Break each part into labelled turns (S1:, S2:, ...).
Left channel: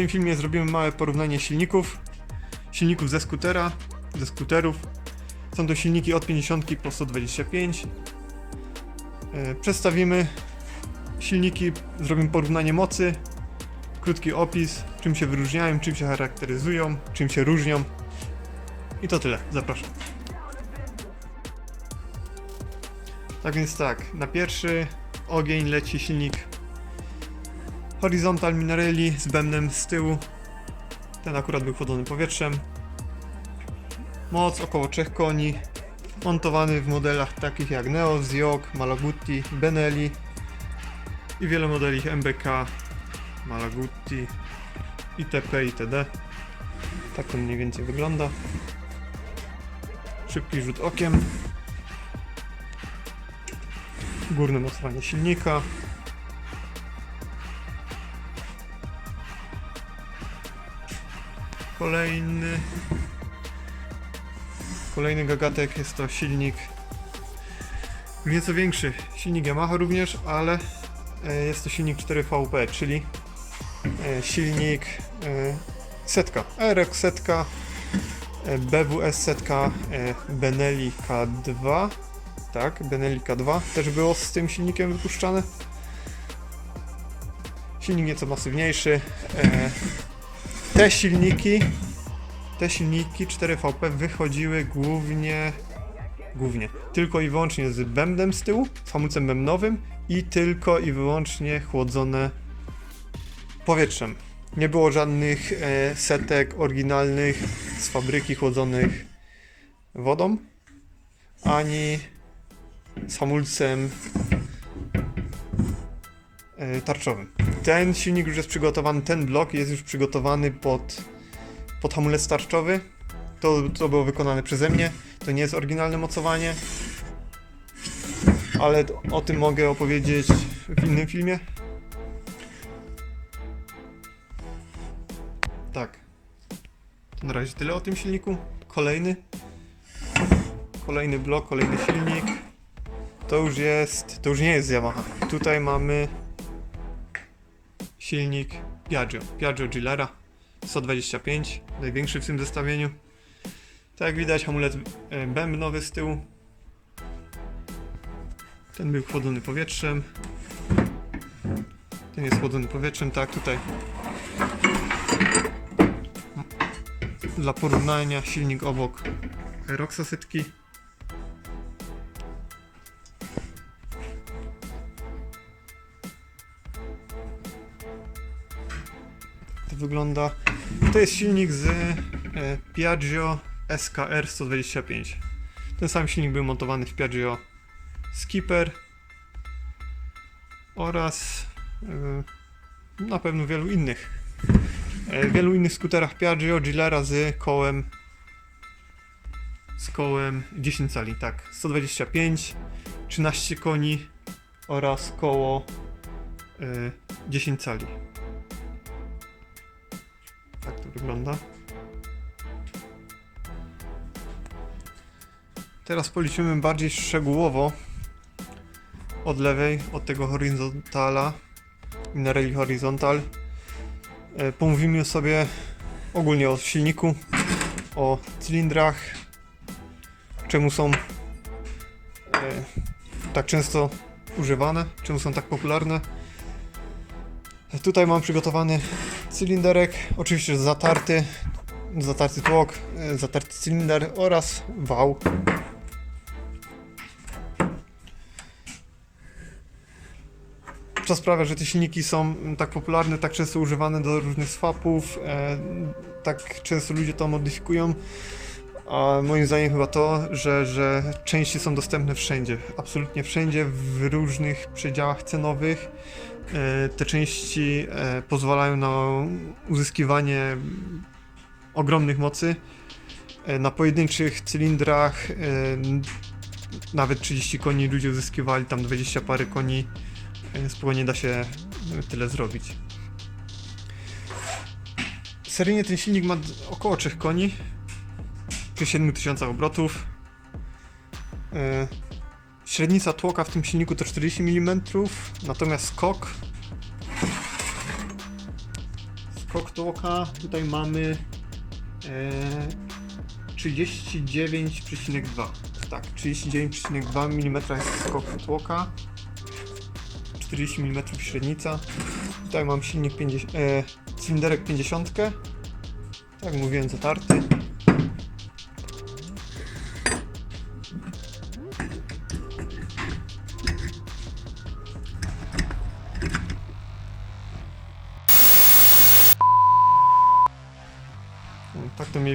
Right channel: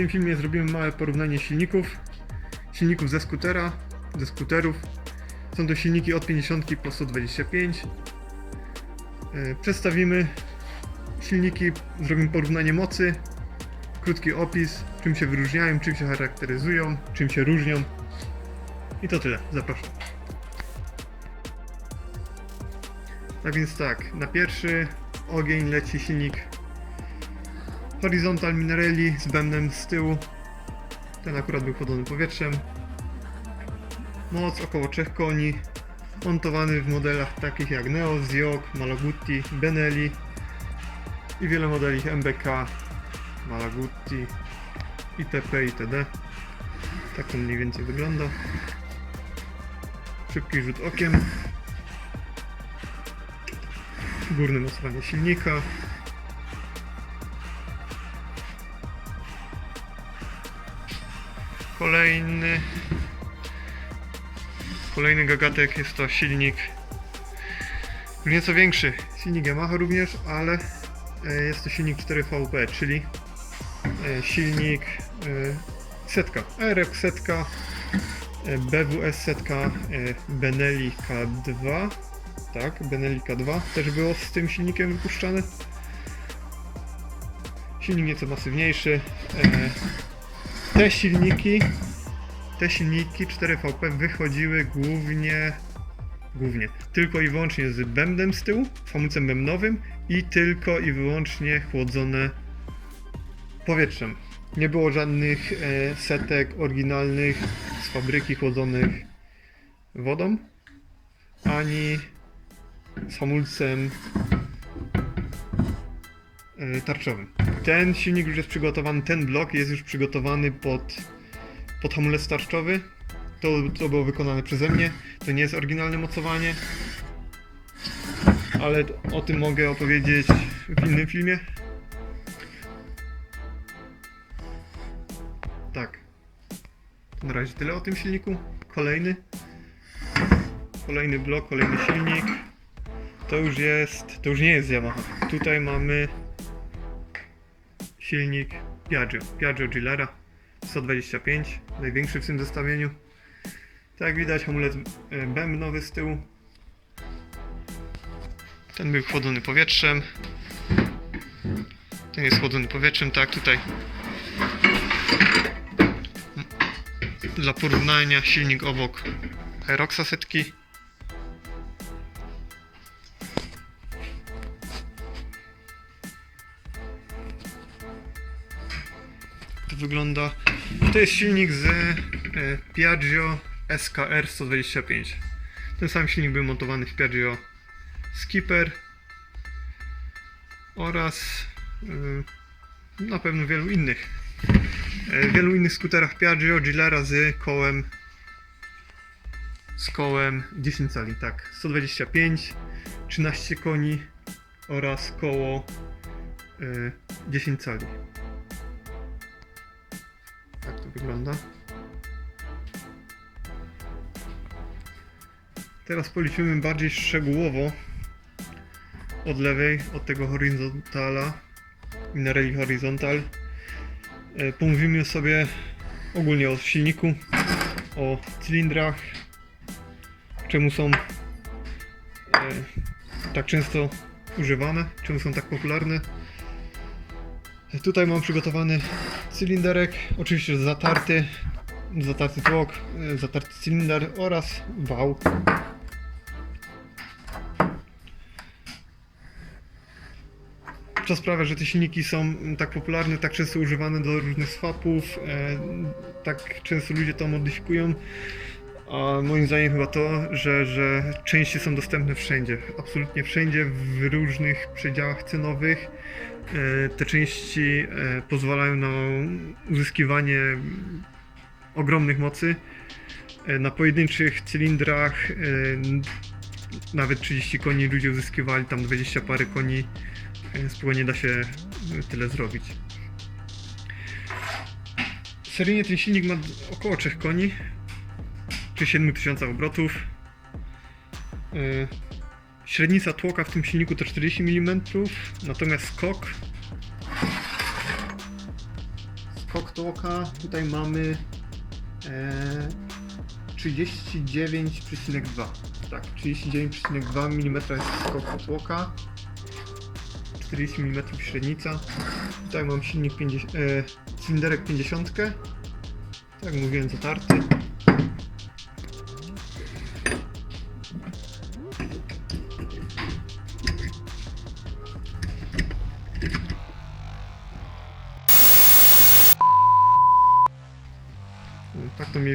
S1: tym filmie zrobimy małe porównanie silników. Silników ze skutera, ze skuterów. Są to silniki od 50 po 125. E, Przedstawimy silniki, zrobimy porównanie mocy, krótki opis, czym się wyróżniają, czym się charakteryzują, czym się różnią. I to tyle. Zapraszam. Tak więc tak, na pierwszy ogień leci silnik Horizontal Minarelli z bębnem z tyłu. Ten akurat był chłodzony powietrzem. Moc około 3 koni. Montowany w modelach takich jak Neo, Ziok, Malagutti, Benelli i wiele modeli MBK, Malagutti, itp. itd. Tak to mniej więcej wygląda. Szybki rzut okiem. Górne mocowanie silnika. Kolejny Kolejny gagatek jest to silnik nieco większy. Silnik Yamaha również, ale e, jest to silnik 4VP, czyli e, silnik e, setka. RX setka, BWS setka, Benelli K2. Tak, Benelli K2 też było z tym silnikiem wypuszczane. Silnik nieco masywniejszy. Te silniki te silniki 4VP wychodziły głównie, głównie, tylko i wyłącznie z bębnem z tyłu, hamulcem bębnowym i tylko i wyłącznie chłodzone powietrzem. Nie było żadnych e, setek oryginalnych z fabryki chłodzonych wodą, ani z hamulcem e, tarczowym. Ten silnik już jest przygotowany, ten blok jest już przygotowany pod pod hamulec tarczowy. To, to było wykonane przeze mnie. To nie jest oryginalne mocowanie. Ale o tym mogę opowiedzieć w innym filmie. Tak. To na razie tyle o tym silniku. Kolejny. Kolejny blok, kolejny silnik. To już jest. To już nie jest Yamaha. Tutaj mamy silnik Piaggio. Piaggio Gilera. 125, największy w tym zestawieniu. Tak jak widać, hamulec e, bębnowy z tyłu. Ten był chłodzony powietrzem. Ten jest chłodzony powietrzem, tak tutaj. Dla porównania silnik obok Aeroxa setki. Wygląda. To jest silnik z e, Piaggio SKR 125. Ten sam silnik był montowany w Piaggio Skipper oraz e, na pewno wielu innych. E, wielu innych skuterach Piaggio Gilera z kołem z kołem 10 cali, tak, 125, 13 koni oraz koło e, 10 cali. Tak to wygląda. Teraz policzymy bardziej szczegółowo od lewej, od tego horizontala, Minarelli Horizontal. E, Pomówimy sobie ogólnie o silniku, o cylindrach, czemu są e, tak często używane, czemu są tak popularne. Tutaj mam przygotowany cylinderek, oczywiście zatarty, zatarty tłok, e, zatarty cylinder oraz wał. Co sprawia, że te silniki są tak popularne, tak często używane do różnych swapów, e, tak często ludzie to modyfikują. A moim zdaniem chyba to, że, że części są dostępne wszędzie, absolutnie wszędzie, w różnych przedziałach cenowych. E, Te części e, pozwalają na uzyskiwanie ogromnych mocy. E, Na pojedynczych cylindrach nawet 30 koni ludzie uzyskiwali, tam 20 pary koni. Spokojnie da się tyle zrobić. Seryjnie ten silnik ma około 3 koni przy 7000 obrotów. Średnica tłoka w tym silniku to 40 mm, natomiast skok. Skok tłoka tutaj mamy e, 39,2 tak, 39,2 mm jest skok tłoka. 40 mm średnica. Tutaj mam silnik 50, e, cylinderek 50 tak mówiłem zatarty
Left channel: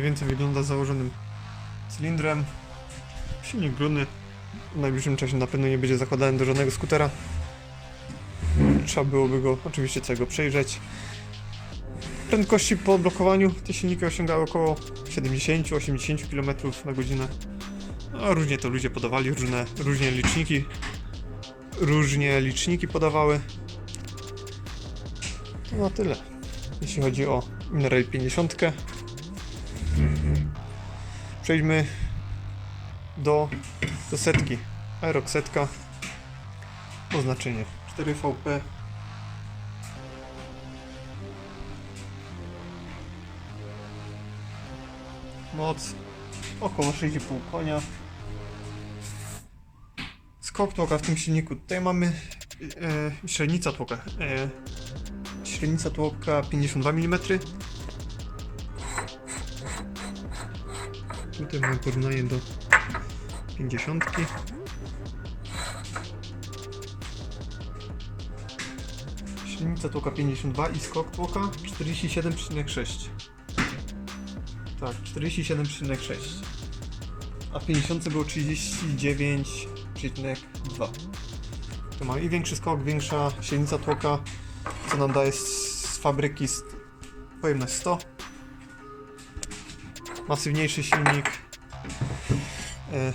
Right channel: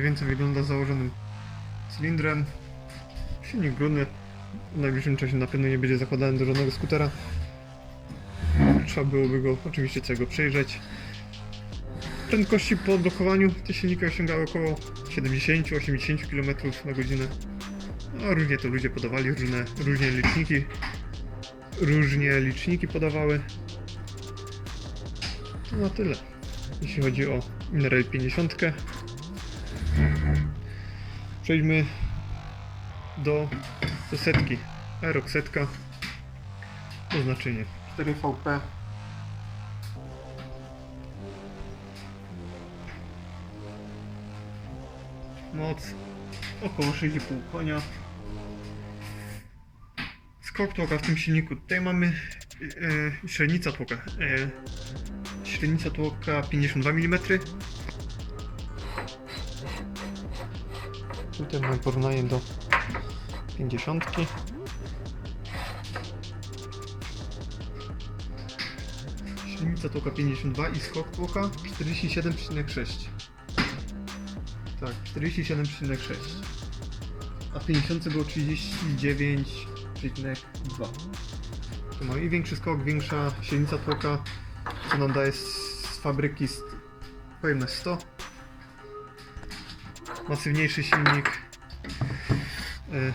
S1: więcej wygląda założonym cylindrem. Silnik brudny. W najbliższym czasie na pewno nie będzie zakładany do żadnego skutera. Trzeba byłoby go oczywiście całego przejrzeć. Prędkości po blokowaniu te silniki osiągały około 70-80 km na godzinę. No, różnie to ludzie podawali, różne, różnie liczniki różnie liczniki podawały. No tyle. Jeśli chodzi o Mineral 50. Przejdźmy do, do setki. Aerox setka. Oznaczenie 4VP. Moc około 6,5 konia. Skok tłoka w tym silniku. Tutaj mamy e, średnica tłoka. E, średnica tłoka 52 mm. Tutaj mam porównanie do 50. Silnica tłoka 52 i skok tłoka 47,6. Tak, 47,6. A w 50 było 39,2. To ma i większy skok, większa silnica tłoka, co nam daje z, z fabryki st- pojemność 100 masywniejszy silnik. E,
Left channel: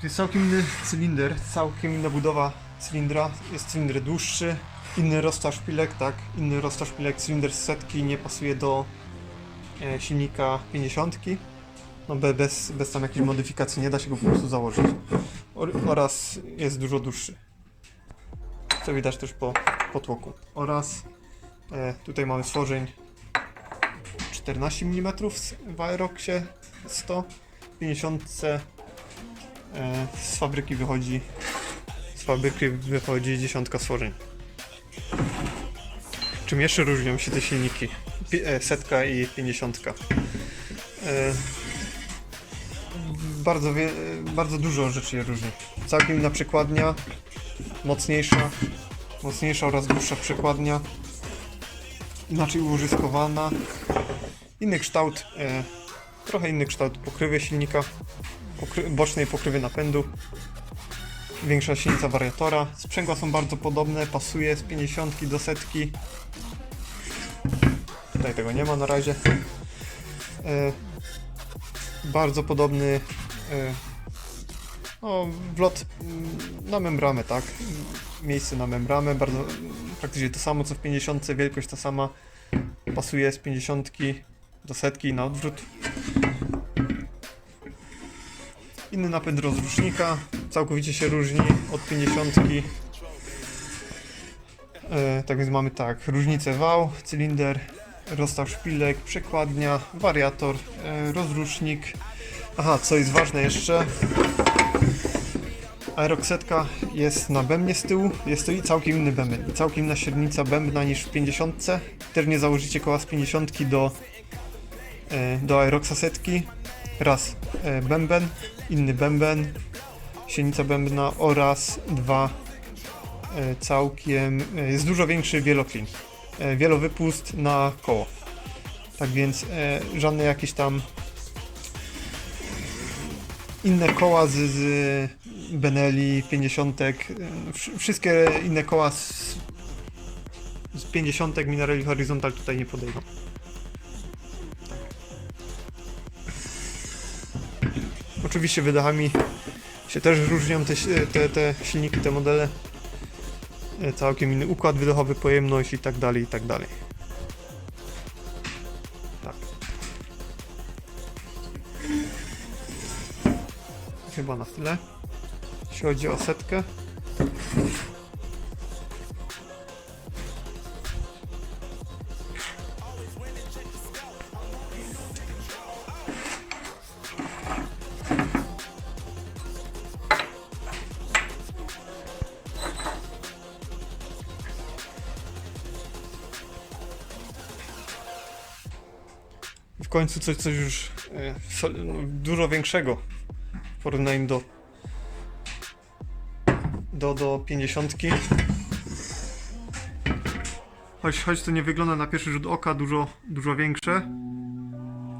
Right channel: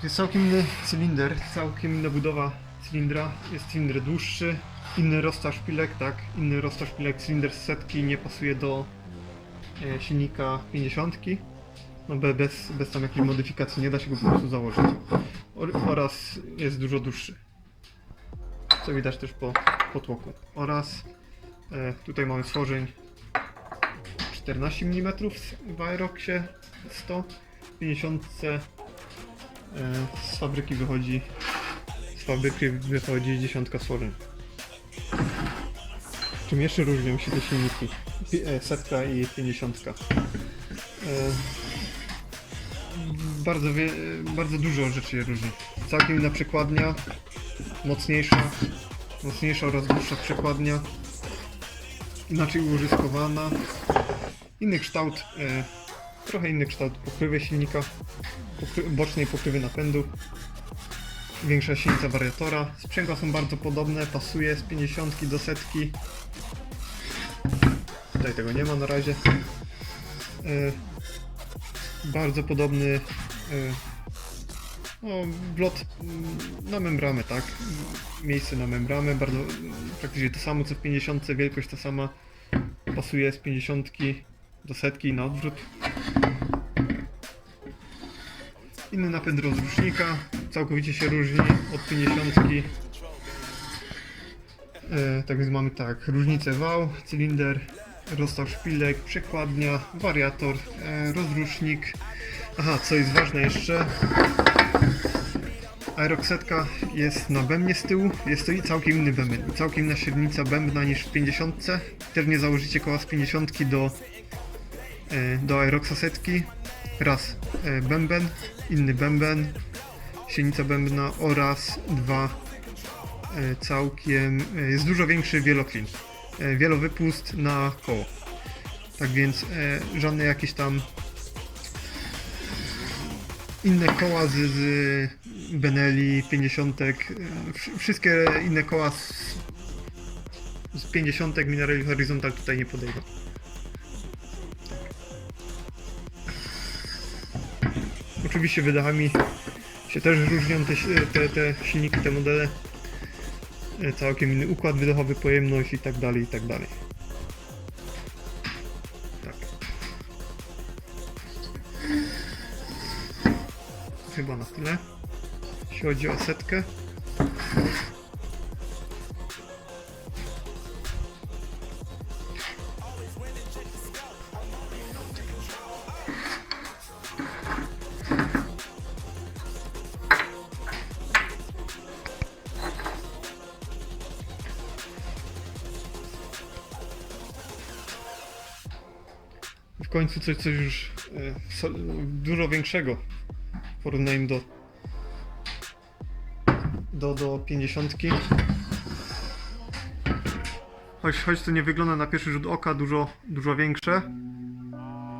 S1: To jest całkiem inny cylinder, całkiem inna budowa cylindra. Jest cylinder dłuższy, inny rozstaw szpilek, tak, inny rozstaw szpilek, cylinder z setki nie pasuje do e, silnika 50. No be, bez, bez tam jakiejś modyfikacji nie da się go po prostu założyć. Or, oraz jest dużo dłuższy. Co widać też po, po tłoku. Oraz e, tutaj mamy stworzeń 14 mm w Aeroxie 100 50 e, z fabryki wychodzi z fabryki wychodzi dziesiątka stworzeń. Czym jeszcze różnią się te silniki? E, setka i 50 e, bardzo, wie, bardzo dużo rzeczy je różni. Całkiem inna przekładnia mocniejsza mocniejsza oraz dłuższa przekładnia. Inaczej użyskowana inny kształt, e, trochę inny kształt pokrywy silnika, pokry, bocznej pokrywy napędu, większa silnica wariatora. Sprzęgła są bardzo podobne, pasuje z 50 do setki. Tutaj tego nie ma na razie. E, bardzo podobny e, no, wlot mm, na membramę, tak? Miejsce na membramę, bardzo praktycznie to samo co w 50, wielkość ta sama. Pasuje z 50 do setki na odwrót. Inny napęd rozrusznika, całkowicie się różni od 50. E, tak więc mamy tak, różnicę wał, cylinder, rozstaw szpilek, przekładnia, wariator, e, rozrusznik. Aha, co jest ważne jeszcze, Aeroxetka jest na bębnie z tyłu, jest to i całkiem inny bęben, i całkiem inna średnica bębna niż w 50. Też nie założycie koła z 50 do do Aeroxa setki. Raz e, bęben, inny bęben, silnica bębna oraz dwa e, całkiem, e, jest dużo większy wieloklin, e, wielowypust na koło. Tak więc e, żadne jakieś tam inne koła z, z Benelli 50, e, wsz- wszystkie inne koła z, z 50 Minerali Horizontal tutaj nie podejdą. Oczywiście wydechami się też różnią te, te, te silniki, te modele. E, Całkiem inny układ wydechowy, pojemność i tak dalej, i tak dalej. Tak. Chyba na tyle. Jeśli chodzi o setkę. Coś, coś już e, dużo większego w porównaniu do do, do 50. Choć, choć to nie wygląda na pierwszy rzut oka dużo, dużo większe,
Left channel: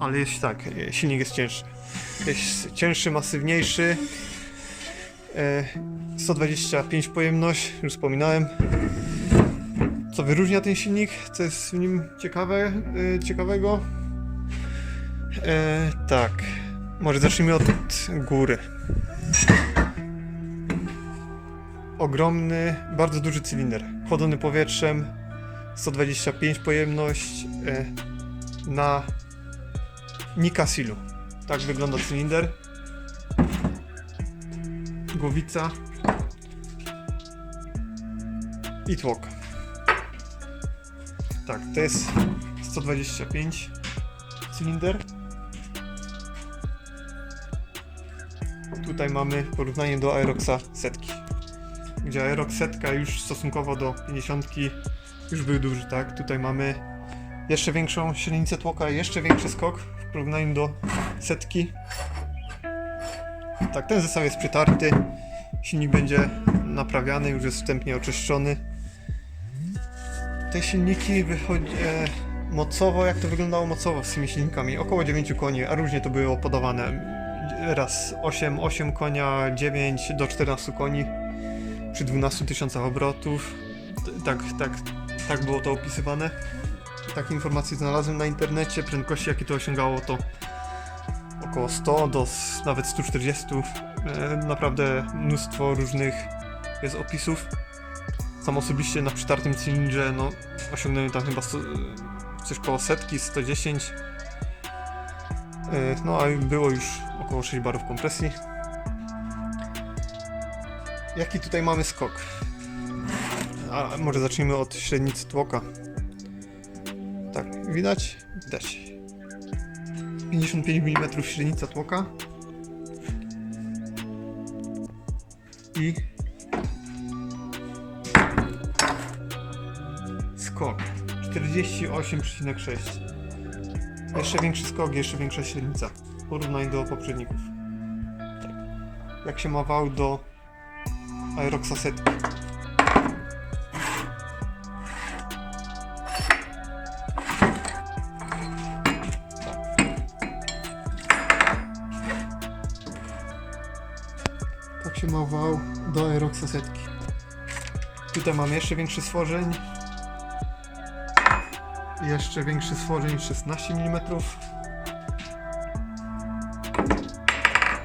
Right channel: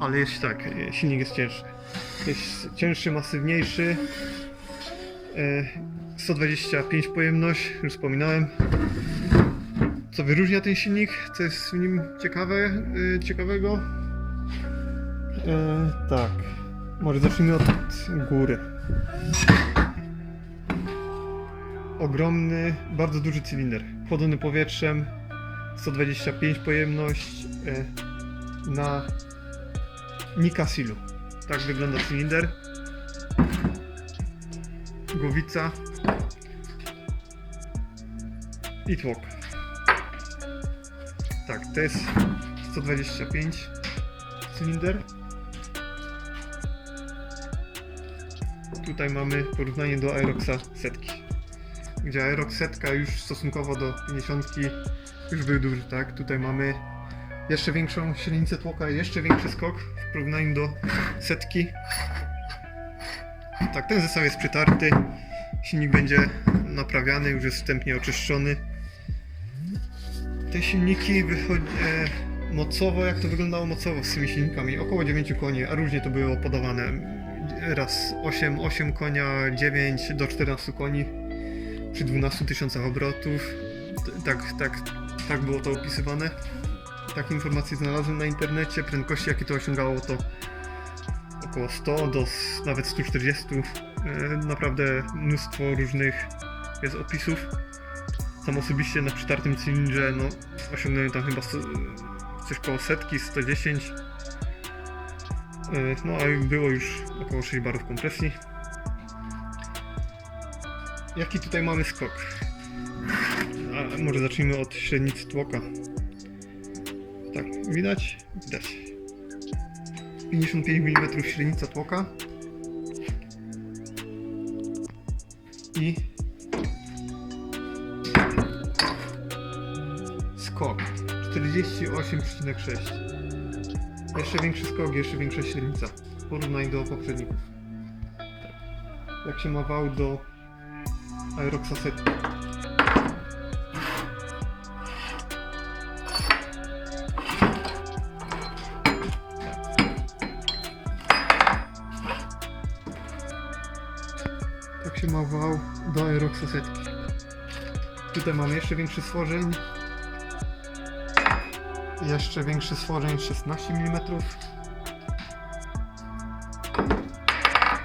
S1: ale jest tak, e, silnik jest cięższy. Jest cięższy, masywniejszy. E, 125 pojemność, już wspominałem. Co wyróżnia ten silnik? Co jest w nim ciekawe, e, ciekawego? E, tak, może zacznijmy od góry. Ogromny, bardzo duży cylinder, chłodzony powietrzem, 125 pojemność e, na Nikasilu. Tak wygląda cylinder. Głowica i tłok. Tak, to jest 125 cylinder. Tutaj mamy porównanie do Aeroxa setki. Gdzie Aerox setka już stosunkowo do 50 już był duży, tak? Tutaj mamy jeszcze większą średnicę tłoka i jeszcze większy skok w porównaniu do setki. Tak, ten zestaw jest przytarty. Silnik będzie naprawiany, już jest wstępnie oczyszczony. Te silniki wychodzi e, mocowo, jak to wyglądało mocowo z tymi silnikami? Około 9 koni, a różnie to było podawane. Raz 8, 8 konia, 9 do 14 koni przy 12 tysiącach obrotów. Tak, tak, tak było to opisywane. Takie informacje znalazłem na internecie. Prędkości, jakie to osiągało, to około 100 do nawet 140. E, Naprawdę mnóstwo różnych jest opisów. Sam osobiście na przytartym cylindrze no, osiągnąłem tam chyba sto, coś koło setki, 110. E, No a było już około 6 barów kompresji. Jaki tutaj mamy skok? A może zacznijmy od średnicy tłoka. Tak, widać? Widać. 55 mm średnica tłoka. I skok 48,6. Jeszcze większy skok, jeszcze większa średnica. Porównaj do poprzedników. Jak się ma wał do Aeroxa setki. Tak się ma wał do Aeroxa setki. Tutaj mamy jeszcze większy stworzeń. Jeszcze większy stworzeń 16 mm.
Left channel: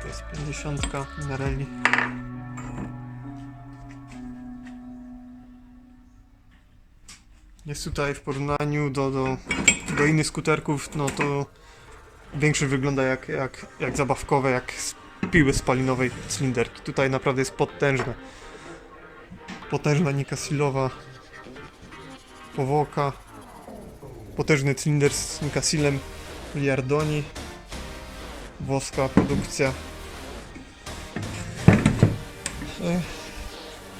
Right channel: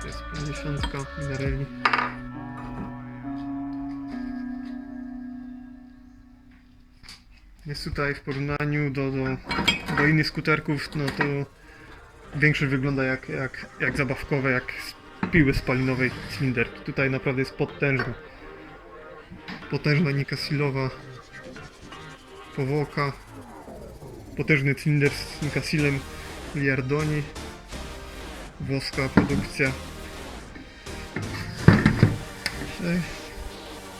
S1: To jest 50 Minarelli. Jest tutaj w porównaniu do, do, do innych skuterków, no to większość wygląda jak, jak, jak zabawkowe, jak z piły spalinowej cylinderki. Tutaj naprawdę jest potężna. Potężna nikasilowa powłoka. Potężny cylinder z nikasilem Liardoni. Włoska produkcja.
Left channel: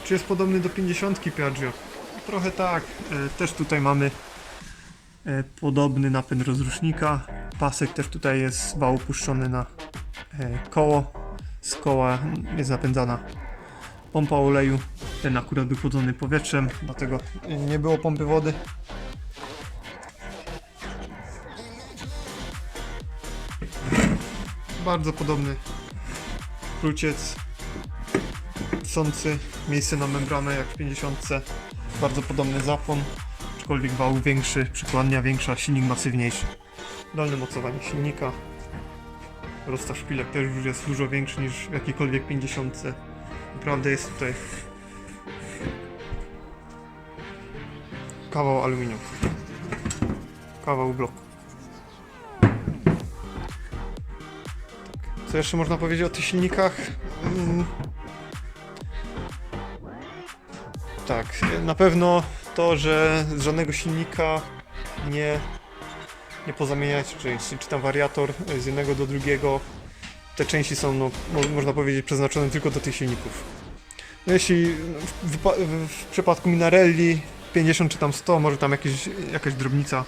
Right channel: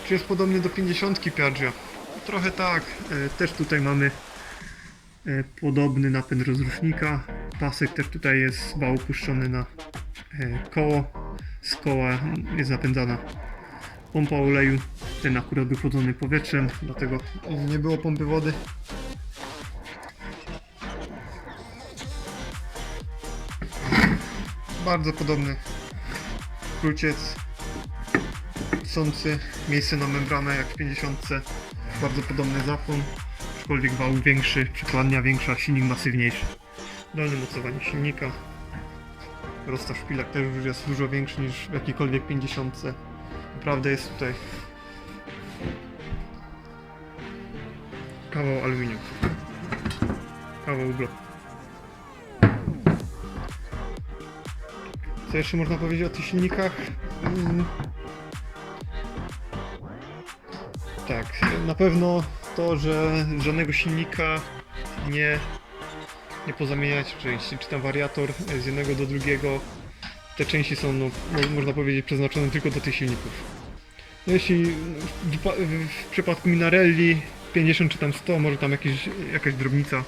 S1: Czy jest podobny do 50 Piaggio? Trochę tak. E, Też tutaj mamy e, podobny napęd rozrusznika. Pasek też tutaj jest wał puszczony na e, koło. Z koła jest napędzana pompa oleju. Ten akurat był chłodzony powietrzem, dlatego nie było pompy wody. Bardzo podobny kruciec sący, miejsce na membranę jak w 50. Bardzo podobny zapłon, aczkolwiek wał większy, przykładnia większa, silnik masywniejszy. Dolne mocowanie silnika. Rozstaw szpilek też już jest dużo większy niż w jakiejkolwiek 50. Naprawdę jest tutaj kawał aluminium. Kawał bloku. Co jeszcze można powiedzieć o tych silnikach? Mm. Tak, na pewno to, że z żadnego silnika nie, nie pozamieniać części, czy tam wariator z jednego do drugiego. Te części są, no, mo- można powiedzieć, przeznaczone tylko do tych silników. No jeśli w, w, przypadku Minarelli 50 czy tam 100, może tam jakieś, jakaś drobnica,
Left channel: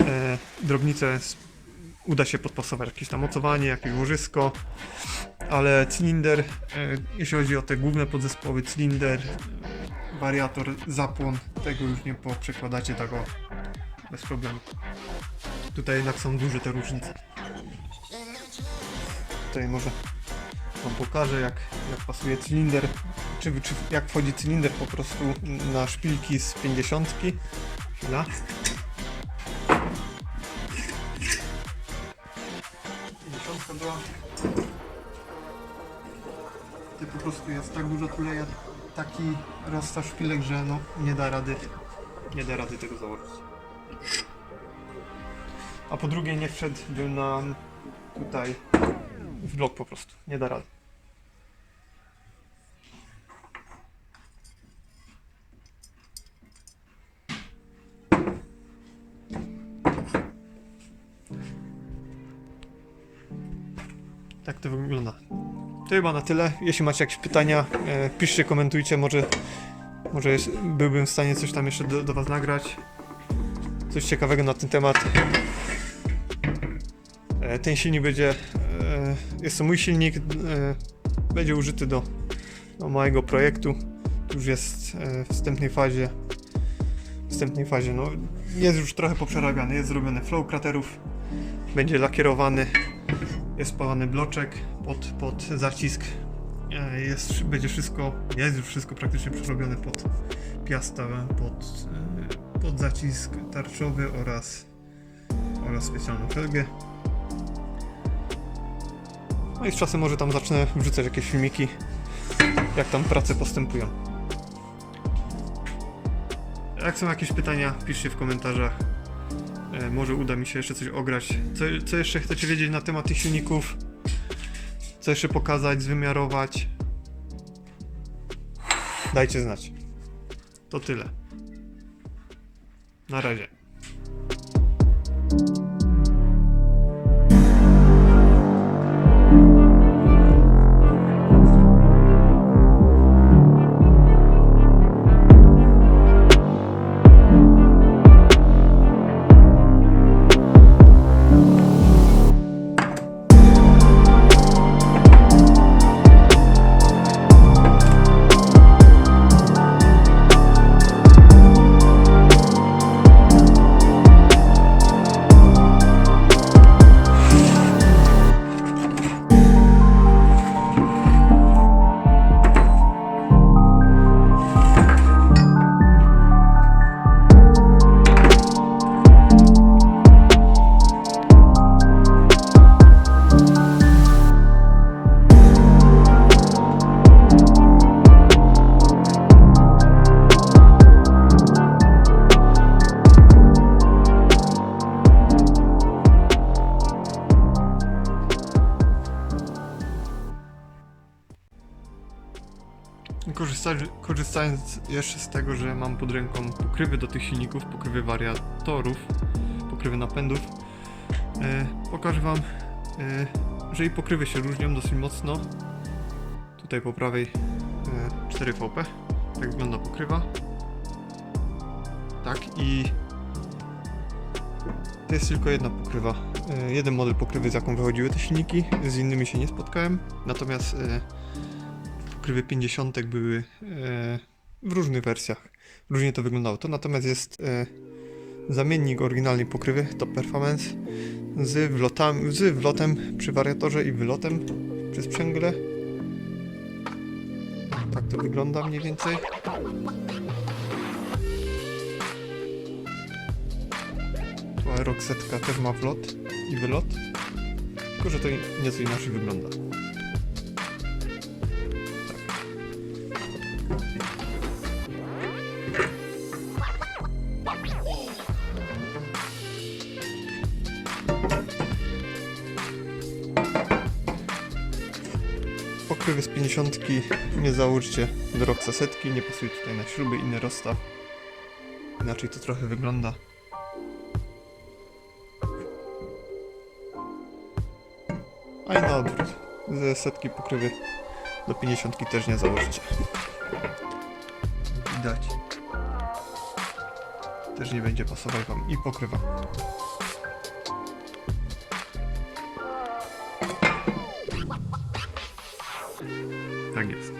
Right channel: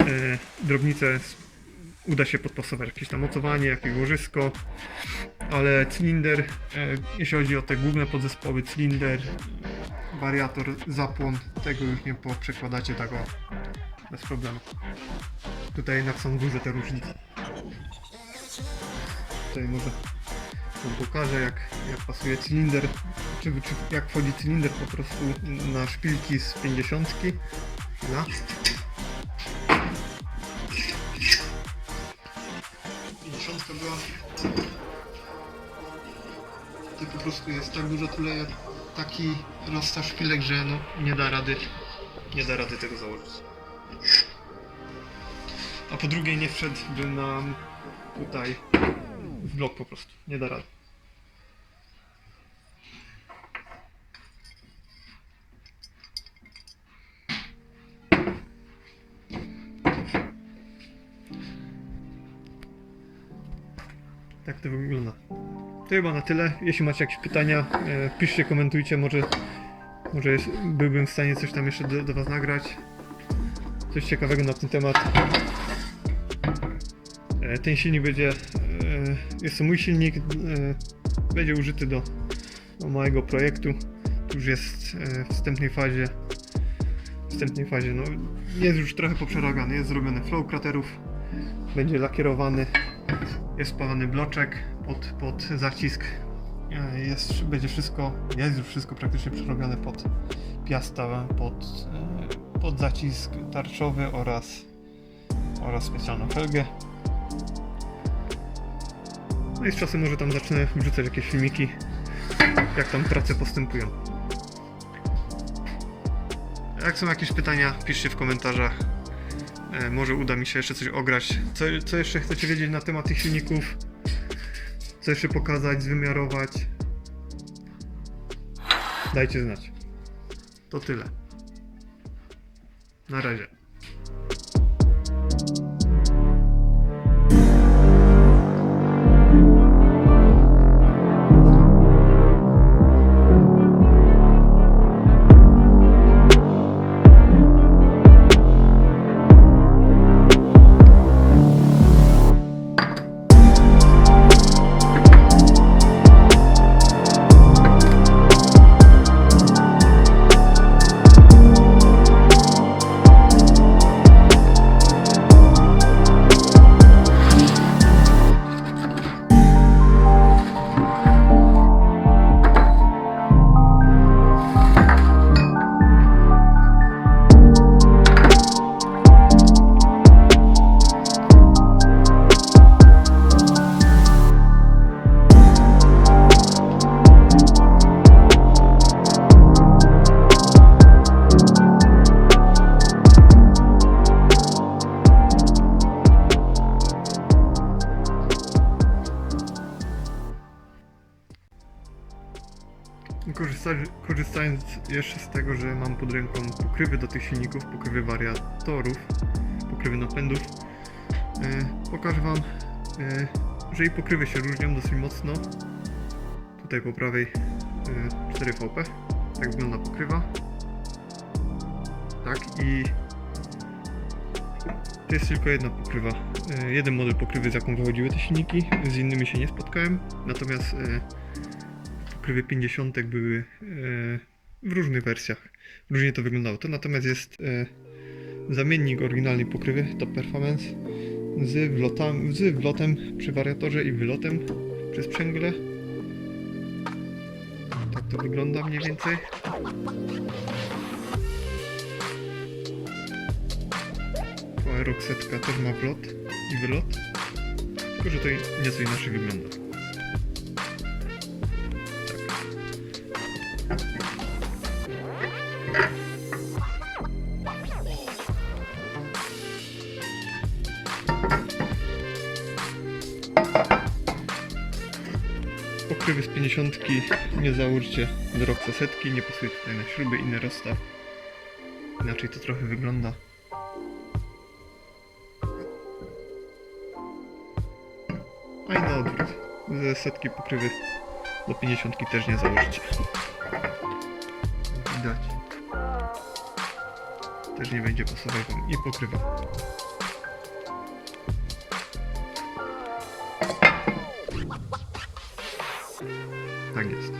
S1: e, drobnice uda się podpasować jakieś tam mocowanie, jakieś łożysko, ale cylinder, e, jeśli chodzi o te główne podzespoły, cylinder, e, wariator, zapłon, tego już nie poprzekładacie tak bez problemu. Tutaj jednak są duże te różnice. Tutaj może wam pokażę jak, jak pasuje cylinder, czy, czy jak wchodzi cylinder po prostu na szpilki z 50. Chwila. To po prostu jest tak dużo tuleja, taki rozstaw szpilek, że no nie da rady, nie da rady tego założyć. A po drugie nie wszedłby nam tutaj w blok po prostu, nie da rady. To wygląda. To chyba na tyle. Jeśli macie jakieś pytania, e, piszcie, komentujcie. Może, może jest, byłbym w stanie coś tam jeszcze do, do Was nagrać. Coś ciekawego na ten temat. E, ten silnik będzie. E, jest to mój silnik. E, będzie użyty do, do mojego projektu. Już jest e, w wstępnej fazie. W wstępnej fazie. No, jest już trochę poprzerabiany. Jest zrobiony flow kraterów. Będzie lakierowany jest spalany bloczek pod, pod zacisk. E, Jest, będzie wszystko, jest już wszystko praktycznie przerobione pod piasta, pod, e, pod zacisk tarczowy oraz, oraz specjalną felgę. No i z czasem może tam zacznę wrzucać jakieś filmiki, jak tam prace postępują. Jak są jakieś pytania, piszcie w komentarzach. E, Może uda mi się jeszcze coś ograć. Co, co jeszcze chcecie wiedzieć na temat tych silników? Co jeszcze pokazać, zwymiarować? Dajcie znać. To tyle. Na razie. Korzysta, korzystając jeszcze z tego, że mam pod ręką pokrywy do tych silników, pokrywy wariatorów, pokrywy napędów, e, pokażę Wam, e, że i pokrywy się różnią dosyć mocno. Tutaj po prawej e, 4VP, tak wygląda pokrywa. Tak i to jest tylko jedna pokrywa. E, jeden model pokrywy, z jaką wychodziły te silniki, z innymi się nie spotkałem, natomiast e, pokrywy 50 były e, w różnych wersjach. Różnie to wyglądało. To natomiast jest e, zamiennik oryginalnej pokrywy Top Performance z, wlotami, z wlotem przy wariatorze i wylotem przy sprzęgle. Tak to wygląda mniej więcej. Aeroxetka też ma wlot i wylot. Tylko, że to nieco inaczej wygląda. 50 nie załóżcie do Roxa setki, nie pasuje tutaj na śruby, inny rozstaw. Inaczej to trochę wygląda. A i na odwrót. Ze setki pokrywy do 50 też nie założycie. Jak widać. Też nie będzie pasować wam i pokrywa. Tak